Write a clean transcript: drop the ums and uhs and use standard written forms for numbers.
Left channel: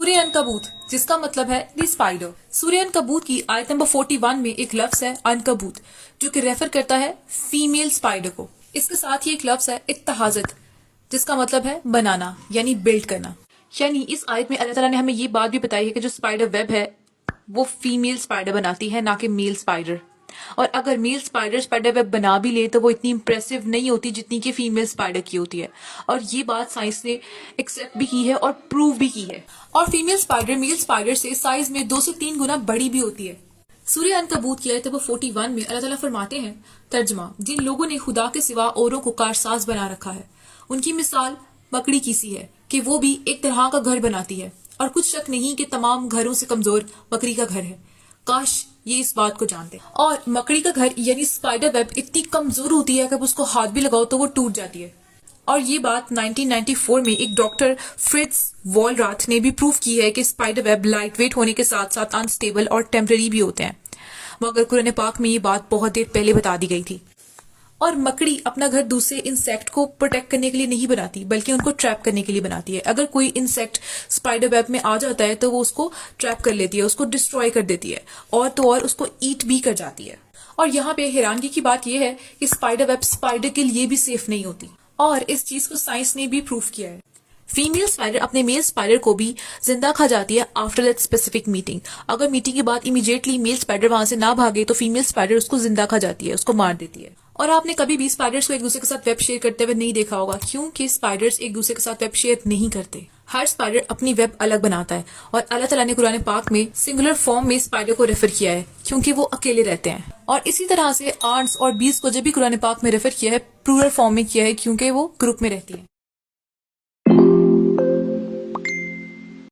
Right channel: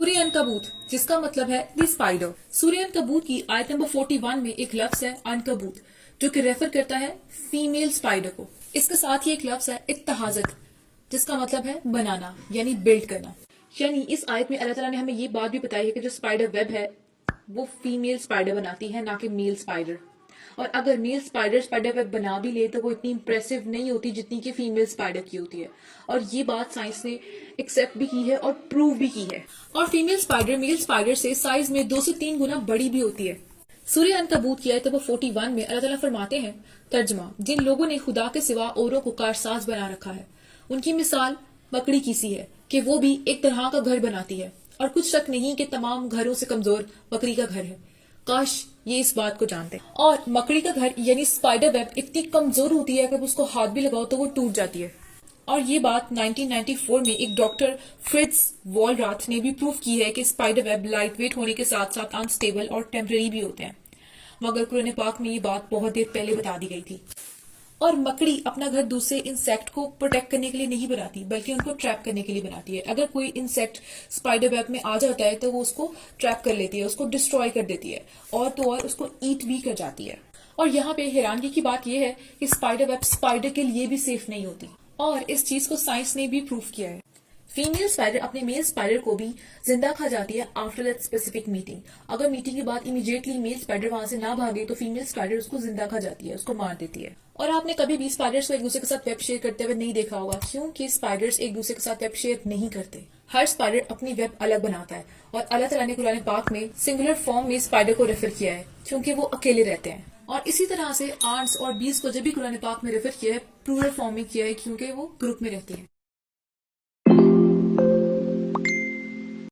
सूर्य अनकबूत, जिसका मतलब है दी स्पाइडर। सूर्य अनकबूत की आयत नंबर 41 में एक लफ्ज है अनकबूत, जो कि रेफर करता है फीमेल स्पाइडर को। इसके साथ ही एक लफ्ज है इत्तहाजत, जिसका मतलब है बनाना यानी बिल्ड करना। यानी इस आयत में अल्लाह ताला ने हमें ये बात भी बताई है कि जो स्पाइडर वेब है वो फीमेल स्पाइडर बनाती है, ना कि मेल स्पाइडर। और अगर मेल स्पाइडर स्पाइडर वेब बना भी ले तो वो इतनी इंप्रेसिव नहीं होती जितनी कि फीमेल स्पाइडर की होती है। और ये बात साइंस ने एक्सेप्ट भी की है और प्रूव भी की है। और फीमेल स्पाइडर मेल स्पाइडर से साइज में 2 से 3 गुना बड़ी भी होती है। सूर्य अनकबूत की आयत नंबर 41 में अल्लाह ताला फरमाते हैं, तर्जमा, जिन लोगों ने खुदा के सिवा औरों को कारसाज बना रखा है, उनकी मिसाल मकड़ी की सी है कि वो भी एक तरह का घर बनाती है, और कुछ शक नहीं कि तमाम घरों से कमजोर मकड़ी का घर है। काश ये इस बात को जानते। और मकड़ी का घर यानी स्पाइडर वेब इतनी कमजोर होती है कि उसको हाथ भी लगाओ तो वो टूट जाती है। और ये बात 1994 में एक डॉक्टर फ्रिट्ज वॉलराथ ने भी प्रूव की है कि स्पाइडर वेब लाइट वेट होने के साथ साथ अनस्टेबल और टेम्पररी भी होते हैं, मगर कुरान पाक में ये बात बहुत देर पहले बता दी गई थी। और मकड़ी अपना घर दूसरे इंसेक्ट को प्रोटेक्ट करने के लिए नहीं बनाती, बल्कि उनको ट्रैप करने के लिए बनाती है। अगर कोई इंसेक्ट स्पाइडर वेब में आ जाता है तो वो उसको ट्रैप कर लेती है, उसको डिस्ट्रॉय कर देती है, और तो और उसको ईट भी कर जाती है। और यहाँ पे हैरानगी की बात यह है कि स्पाइडर वेब स्पाइडर के लिए भी सेफ नहीं होती, और इस चीज को साइंस ने भी प्रूव किया है। फीमेल स्पाइडर अपने मेल स्पाइडर को भी जिंदा खा जाती है आफ्टर दैट स्पेसिफिक मीटिंग। अगर मीटिंग के बाद इमीडिएटली मेल स्पाइडर वहां से ना भागे तो फीमेल स्पाइडर उसको जिंदा खा जाती है, उसको मार देती है। और आपने कभी भी स्पाइडर्स को एक दूसरे के साथ वेब शेयर करते हुए नहीं देखा होगा, क्योंकि स्पाइडर्स एक दूसरे के साथ वेब शेयर नहीं करते। हर स्पाइडर अपनी वेब अलग बनाता है, और अल्लाह ताला ने कुरान पाक में सिंगुलर फॉर्म में स्पाइडर को रेफर किया है क्योंकि वो अकेले रहते हैं। और इसी तरह से आंट्स और बीज को जब भी कुरान पाक में रेफर किया है प्लूरल फॉर्म में किया है क्योंकि वो ग्रुप में रहती है।